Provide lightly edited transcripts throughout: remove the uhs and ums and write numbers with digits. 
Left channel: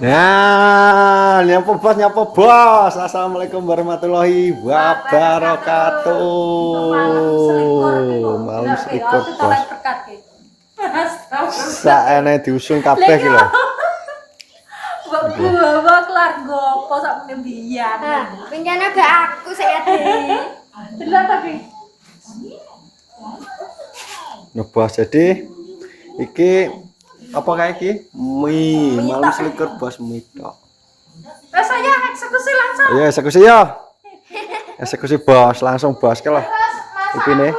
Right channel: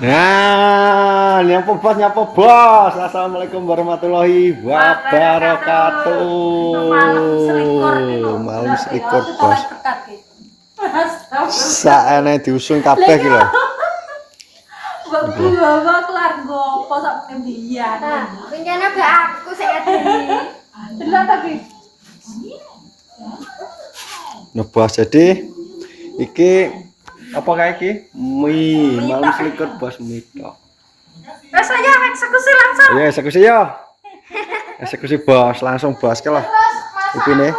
Nah, nyapa bos. Assalamualaikum warahmatullahi wabarakatuh. Malam selikur gitu. Malam selikur Itu bos. tolak berkat gitu. Saene diusung kabeh iki lho. Mbok gua kelar gopo sak mbiyen. Nah, rencana be aku saya di. Delok ta ki. Nah, bos jadi iki apa kayak iki? Mie, malam selikur bos mie tok. Wes saya eksekusi langsung. Ya eksekusi ya. Eksekusi bos, langsung bos ke lah. Ipine.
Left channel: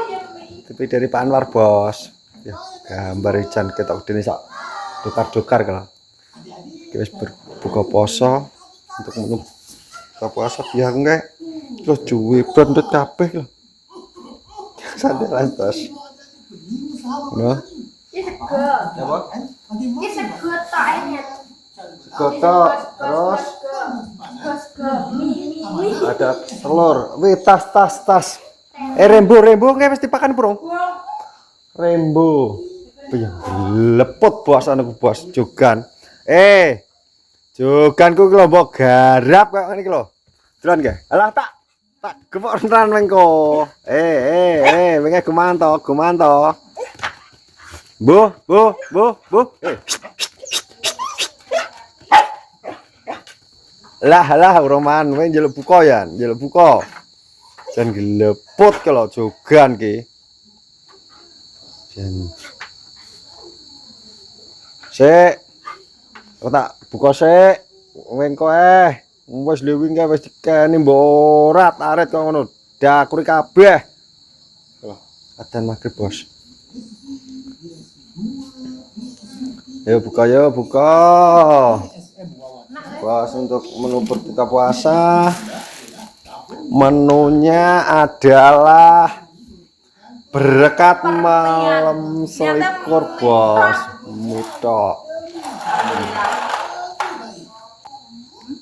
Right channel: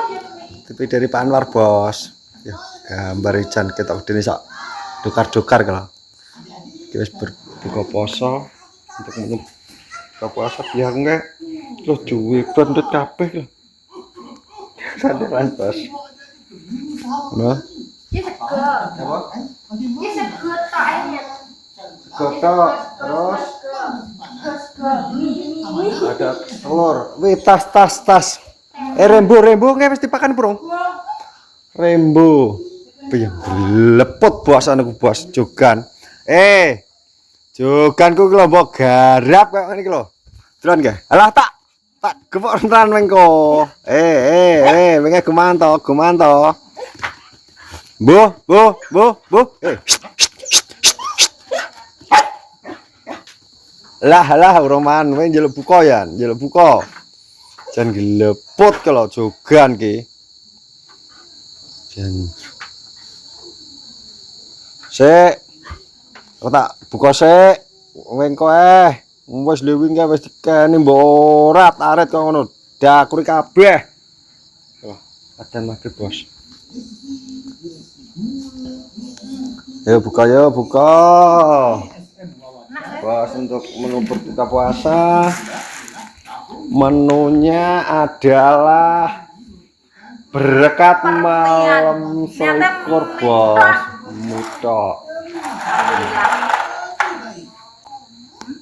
Tapi dari Pak Anwar bos. Ya, gambar ijan kita udine sak dokar-dokar kalau. Kita berbuka poso untuk buka puasa biar enggak terus duwe pendut kabeh lho. Sandaran bos. Nah. Ki sego. Apa? Ki sego tok ae. Segoto terus Sego mie. ada telur. Wih, tas. Rembo nggak mesti pakan burung. Rembo. Piye lepot bos anakku bos jogan. Joganku ki lho mbok garap kaya ngene iki lho. Dolan nggih. Alah tak gepok ran mengko. Wingi gumanto. Bu. Lah roman kowe njaluk buka ya, njaluk buka. Jan gelepot kalau jogan ki. Jan sik. Tak buka sik. Wengko wis lewing kae wis dikene mbok ora taret kok ngono. Dakuri kabeh. Loh, adzan maghrib, Bos. Ayo buka. Bos untuk menu berbuka puasa. Menunya adalah berkat malam selikur bos, mutok.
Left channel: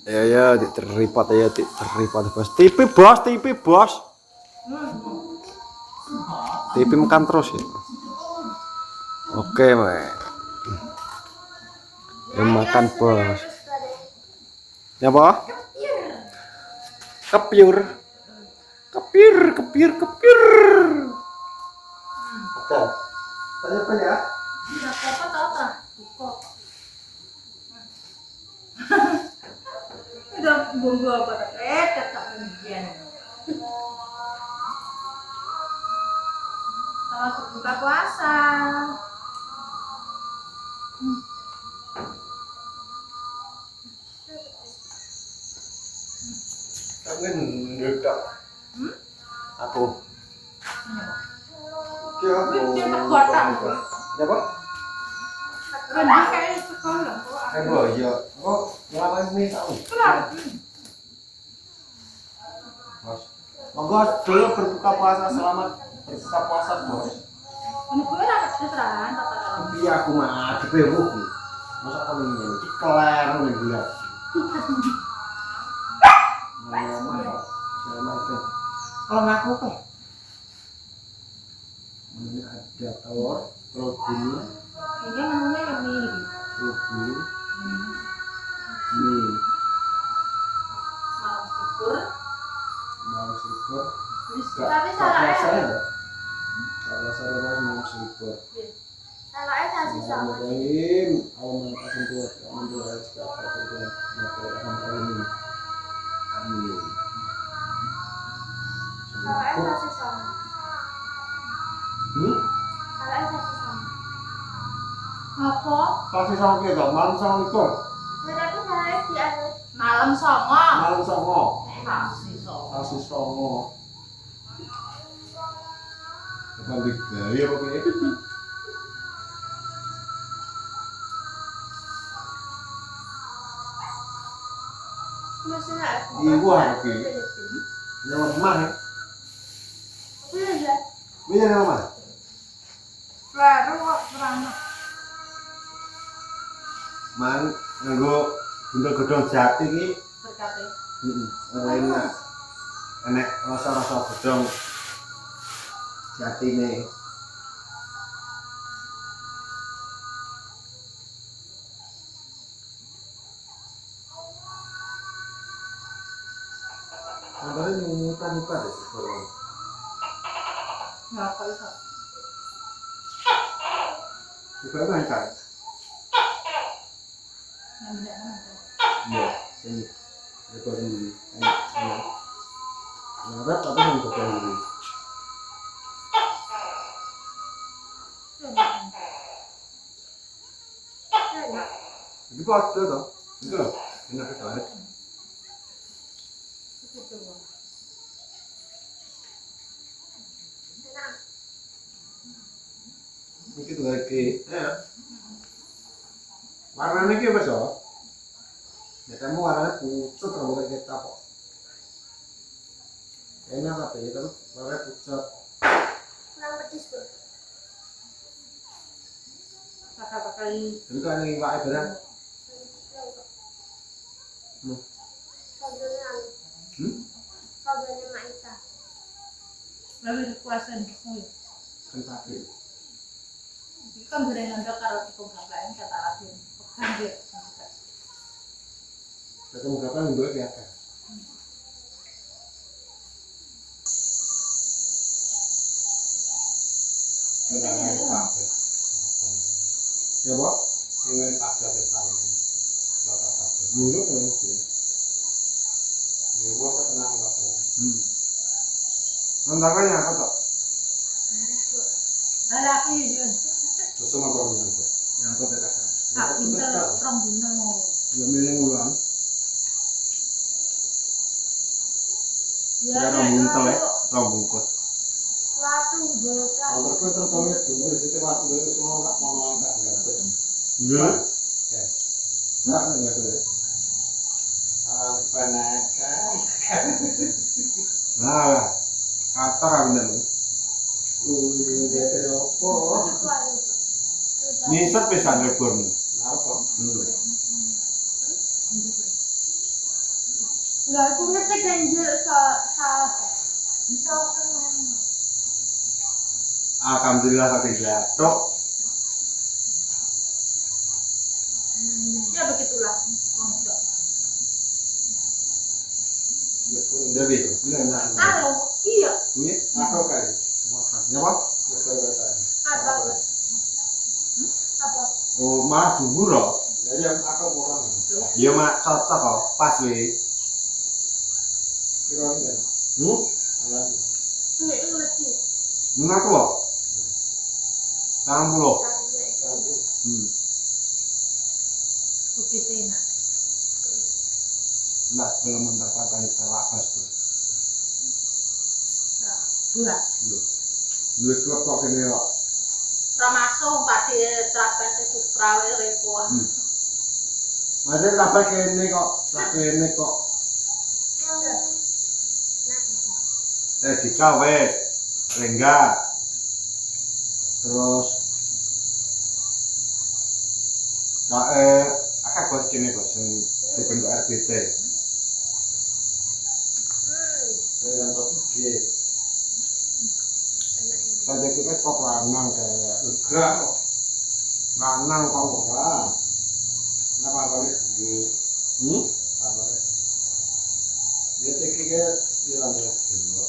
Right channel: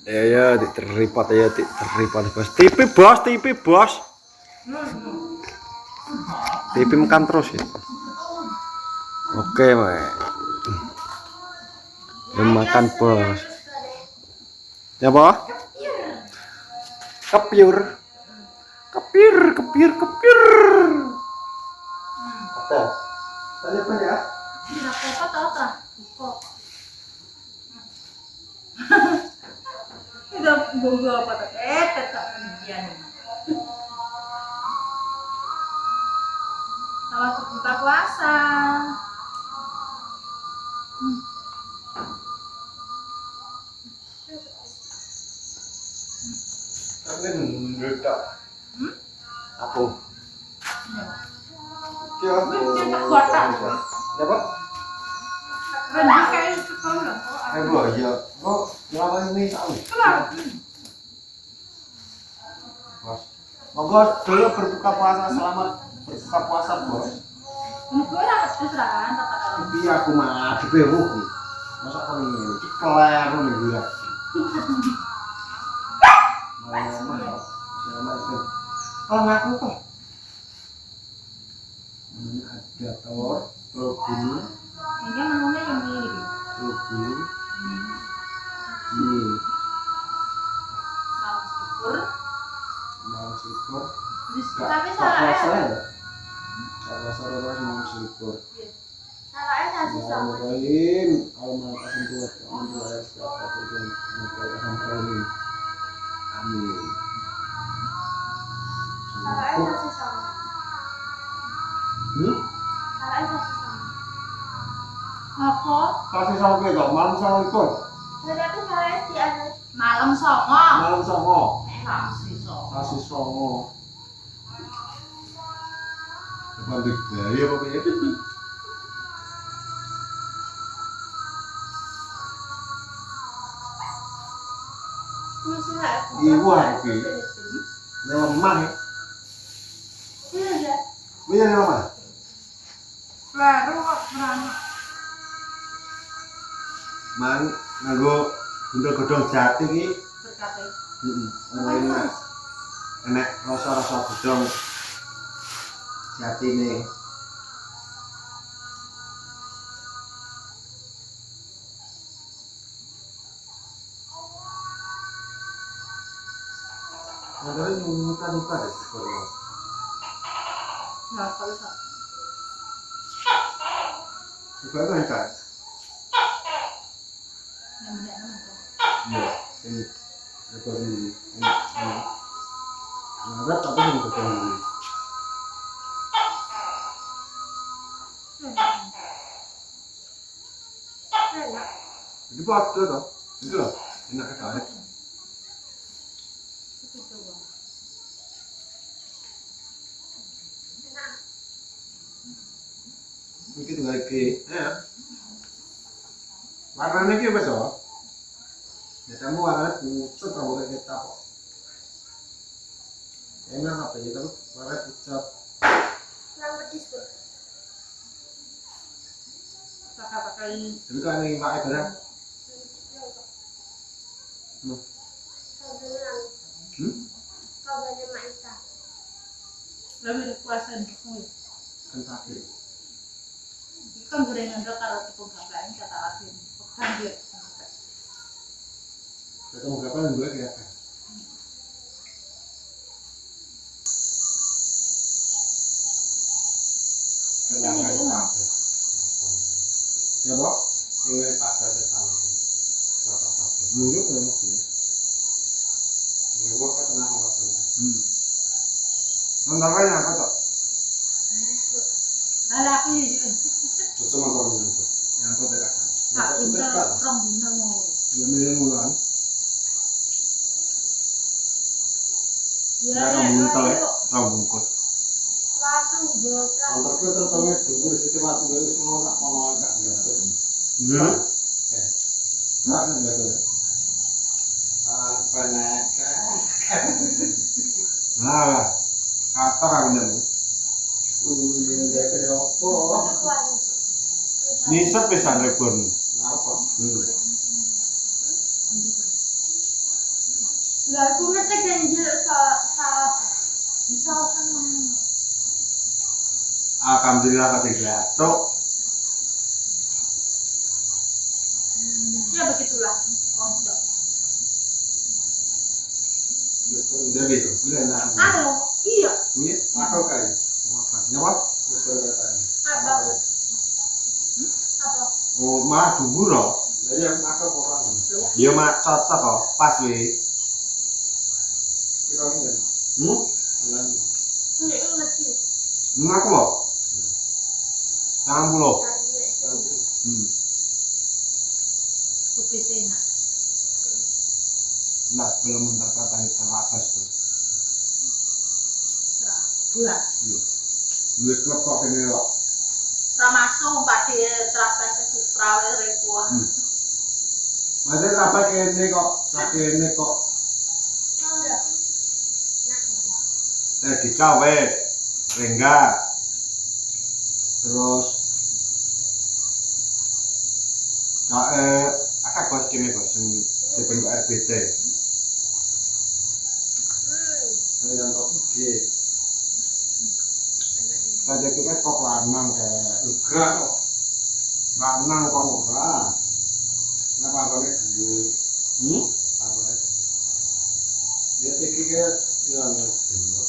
Ya, diterlipat bos. TV bos. TV makan terus ya. Oke, Mak. Ya makan bos. Ya apa? Kepir. Ada. Tanya apa ya? Tidak apa tahu tak? Buka. Udah gua apa tak? Tetap mbiyen. Selamat berbuka puasa. Kangen ngedak. Aku. Ya, Wih, tak kotak. Apa? Rendang kayak itu kan lho. Aduh, ya. Kok ngelawan ini tahu? Kelar. Bos. Monggo dulu berbuka puasa, selamat berbuka puasa, Bos. Ini gue ora keteran tata dalam. Tapi aku mah dipewuh iki. Masa kok ngene iki kleru nih gue. Kalau ngaku kok. Ini ada telur bulu, Ini menunya yang ini. telur bulu. Ini Malam syukur. mau syukur. Tapi salahnya Kalau saya mau syukur. salahnya kasih sama. Bismillahirrahmanirrahim. Allahumma qasim tuwat wa min ayat segala tujuan. Amin. Salahnya kasih sama. Salahnya kasih sama. Apa? Kasih sama kita, malam sama ikut. Berarti salahnya di akhir. Malam songo. Malam sama. Kasih songo. Kasih sama. Nanti gaya apa ya? Ibu lagi. Ini lemah ya. Iya. Ini lemah. Baru kok beranak. Man nganggo gendong-gendong jati iki. Berkate. Enak. Enak rasa-rasa gedong jati ini. Motornya nyuka deh sekolah. Ya kok iso. Juga itu kan? Yang bener nang tuh. Iya, ini rekor ini. Ngarep tapi yang rekor ini. Enak. Itu apa tuh? Itu loh, enak sekali. Itu coba. Enak. Ini tuh lagi, ya. Warnanya kayak apa sih? Ya kamu warnanya pucat, rambutnya kita kok. Enak apa ya? Tapi warnanya pucat. Kurang pedes tuh. Pakai Tapi kan ini pakai benar. Kabelnya anu. Kabelnya Maita. lebih dikuasain kuwi. Kan pakai. Iki kan gorengan do karo tepung gaplek kata lagi. Pekan dia. Ketemu kapan gue kayak apa? Ya, Bok? Ini pada tetang. Dulu kan sih. Ini gua kan tenang waktu. Nanti apa tuh? Ada aku ya. Terus motor itu. Yang kau tekan. Hak buntel, rong buntel mau. Ya milih ulang. Ya, Kamu buntel ya, kamu bungkus. Latung bocah. Motor gue terutama dulu situ waktu gue semua tak mau agak enggak. Iya. Ya. Nggak enggak tuh. Penakan. Nah, kata kan bener. Udah kayak apa? Nisat pesan rekor. Apa? Enggak, aku ngetek ganjil salah. Bisa sama. Alhamdulillah kasih gatok. Ya begitulah. Konsol. Udah gitu. Udah enak. Halo, iya. Punya? Aku kayak. Makan. Nyapa? Apa? Apa? Oh, mah dubur loh. Jadi aku orang. Iya mah cocok kok. Pas weh. Kira kan. Ini lagi. Ngaku loh. 60. Tadinya itu. Kupis enak. Enggak, belum mendapatkan terlapas tuh. Bulas. Duit klub kok ini kok. Ramasuk pati terapan ke Supra repo. Masih apa kene kok? Kene kok. Dikawet. Rengga. Terus akak bos kene bos sing dibentuk RBT. Dengan topik G. Tadi kita kok lanang kayak Enggak kok. lanang kok. Ora. Kenapa boleh? Apa boleh? Dia pikir ya anu dulu.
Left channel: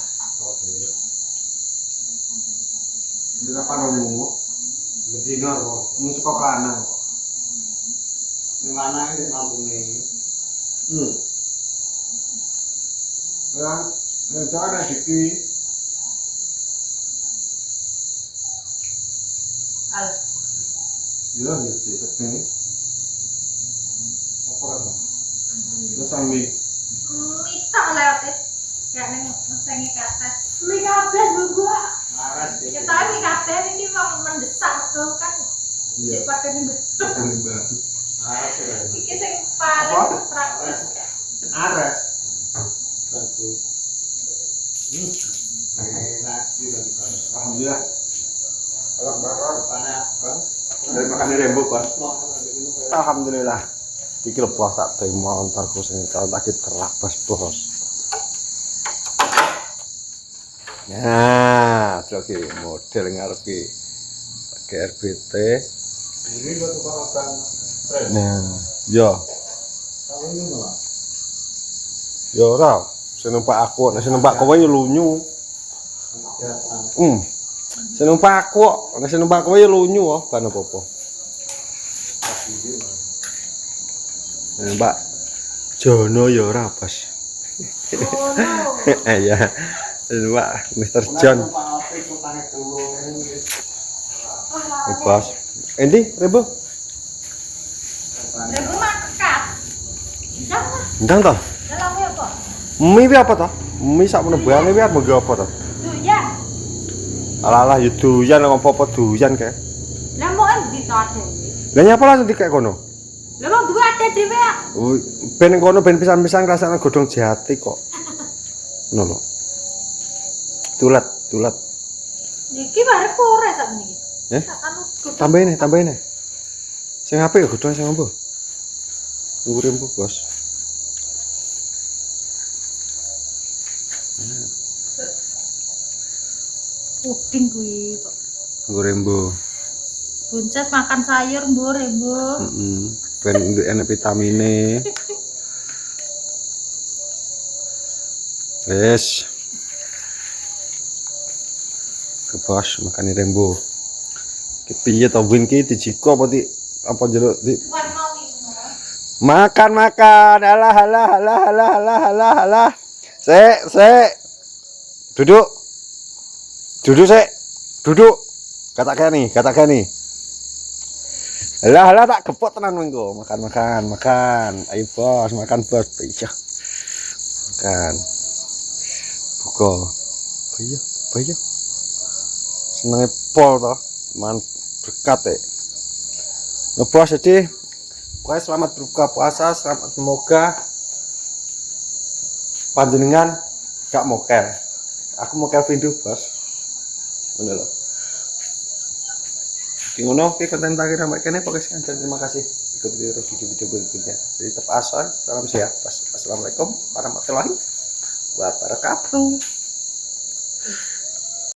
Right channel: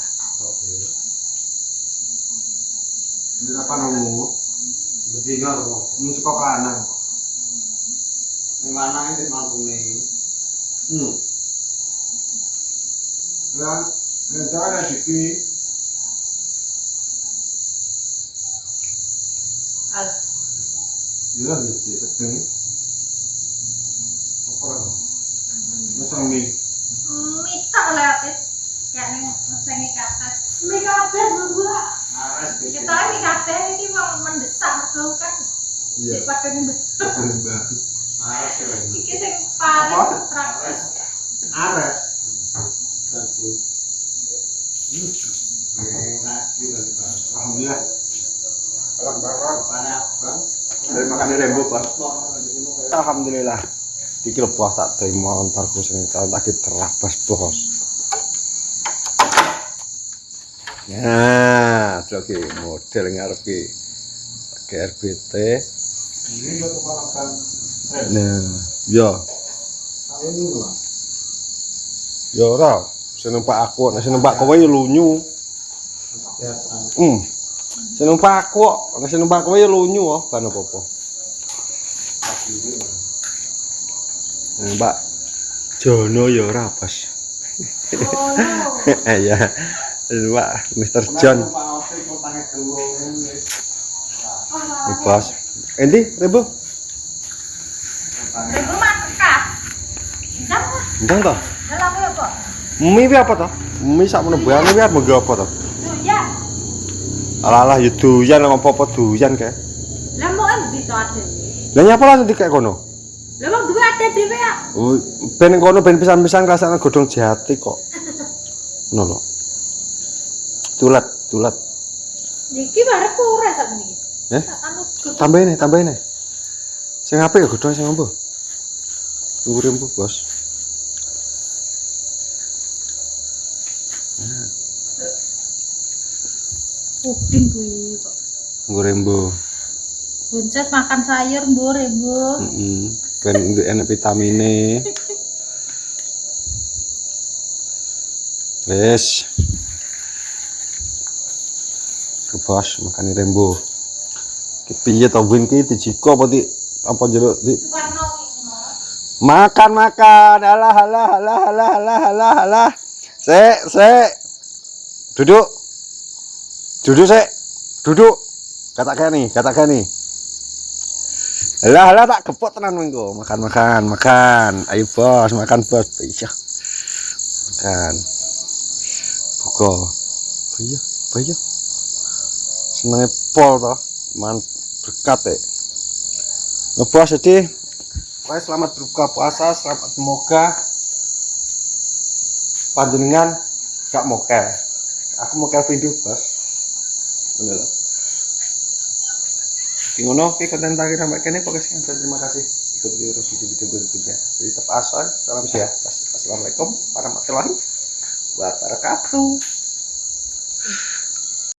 Oke. Di apa nunggu? Bedino kok. Ini kok lanang kok. Sing lanang iki mampune. Ya, jangan ada diki. Al. Iya, ya sedeng. Apa to? Terus sambil Mita lewat kayak neng sengi kates. Mie kabeh gua. Aras Kita ini kates ini mau mendesak mergo kan. iya. Cek pada nih betul. Mbak. Aras ya. Iki sing paling praktis. Ares. Bagus. Enak juga kan. Alhamdulillah. Kalau baru panas kan. Dari makan rembuk, Pak. Alhamdulillah. Iki lho bos tak doi montorku sing tak terabas, Bos. Nah, oke model ngarep ki. Pakai RBT. Ini lo kebawakan. Nah, yo. Tahun ini lah. Yo ora, Sing numpak aku, nek sing numpak kowe ya lunyu. Sing numpak aku, nek sing numpak kowe ya lunyu oh, ban apa-apa. Mbak Jono ya ora, Bos. Ya. Mbak Mr. John. Bos. Endi, Rebo? Ribu mah kekat. Ndang lah. Ndang to? Dalam ya kok. Mie wi apa to? Mie sak menebane wi arep nggo apa to? Doyan. Alah ya doyan apa-apa doyan kae. Lah mau endi to ade? Lah nyapa lah nanti kayak kono? Lah mau duwe ade dhewe ya. Ben kono ben pisan-pisan rasane godhong jati kok. Ngono lho. Tulat. Niki barep ora sak niki. Anu Tambahin. Sing apik ya godhong sing ambo. Tunggu rembu, Bos. puding kuwi kok. Tunggu rembu. Bunces makan sayur mbur rembu. Ben enak vitamine. Wes. Ke Bos makan rembu. Ki piye to win ki dijiko apa jeruk di makan alah sek duduk kata kani alah tak gepok tenan mengko makan ayo Bos makan Bos iya makan buka iya senenge pol to man berkat ngebos jadi wah selamat berbuka puasa semoga panjenengan gak mokel aku mokel video Bos ngono lho iki ngono iki konten tak kira mbak kene pokoknya sekian terima kasih ikut terus video berikutnya jadi tetap asal salam sehat Bos. Assalamualaikum warahmatullahi wabarakatuh.